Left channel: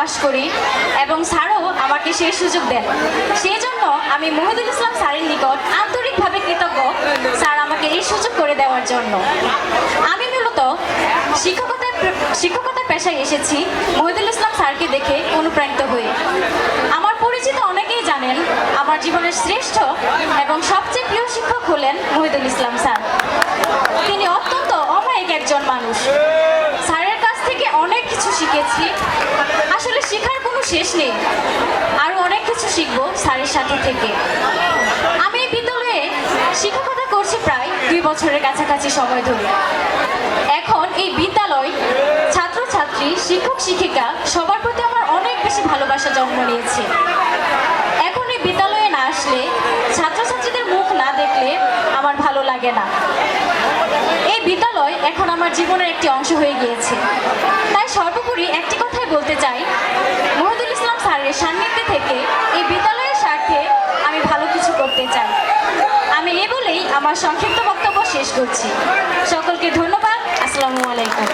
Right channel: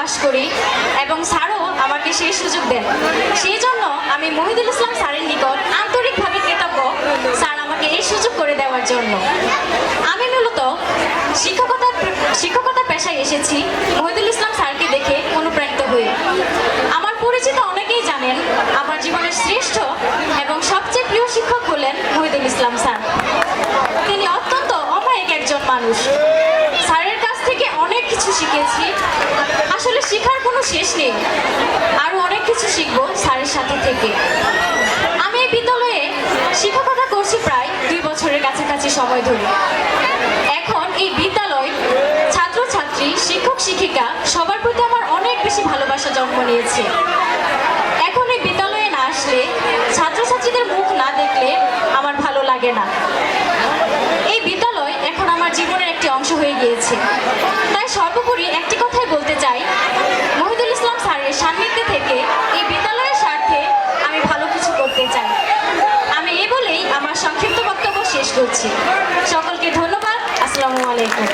প্রকাশ করি এবং স্যারও আমাকে সেই সুযোগ দেন। সেই জন্য আমি মহিদুল ইসলাম স্যারের নিকট আন্তরিকভাবে কৃতজ্ঞ, স্যার আমাকে এই সুযোগ করে দেওয়ার জন্য। আমি মূলত শিক্ষকতা পেশায় এসেছি মহিদুল ইসলাম স্যারকে দেখে অনুপ্রাণিত হয়ে। আমার পরিচিত অনেকেই জানেন আমার জীবনের শ্রেষ্ঠ এবং সবচেয়ে প্রিয় শিক্ষক হলেন মহিদুল ইসলাম স্যার। তিনি অত্যন্ত অমায়িক একজন মানুষ। স্যারের কাছ থেকে অনেক কিছু শিখেছি। আসলে শেখার কোনো শেষ নেই, আরো অনেক কিছু শিখবো স্যারের সাথে থেকে। আমি এই বিদ্যালয়ে শিক্ষকতা করছি প্রায় 2 বছরের কাছাকাছি সময় ধরে। এখন এই বিদ্যালয়, ছাত্রছাত্রী, শিক্ষক শিক্ষিকা সবার প্রতি আমার অনেক বেশি ভালোবাসা জন্ম নিয়েছে। এখন এই বিদ্যালয়ে না আসলে, ছাত্রছাত্রীদের মুখ না দেখলে আমার ভালো লাগে না। এই বিদ্যালয় এখন আমার জীবনের একটি অংশ হয়ে গিয়েছে। তাই সর্বোপরি একটি কথাই বলতে চাই, মহিদুল ইসলাম স্যারের সান্নিধ্যে থেকে এই বিদ্যালয়ের স্বার্থে আমি ভালো কিছু করতে চাই। আমি এ বলেই আমার সংক্ষিপ্ত বক্তব্য শেষ করছি। সকলকে ধন্যবাদ। আসসালামু আলাইকুম।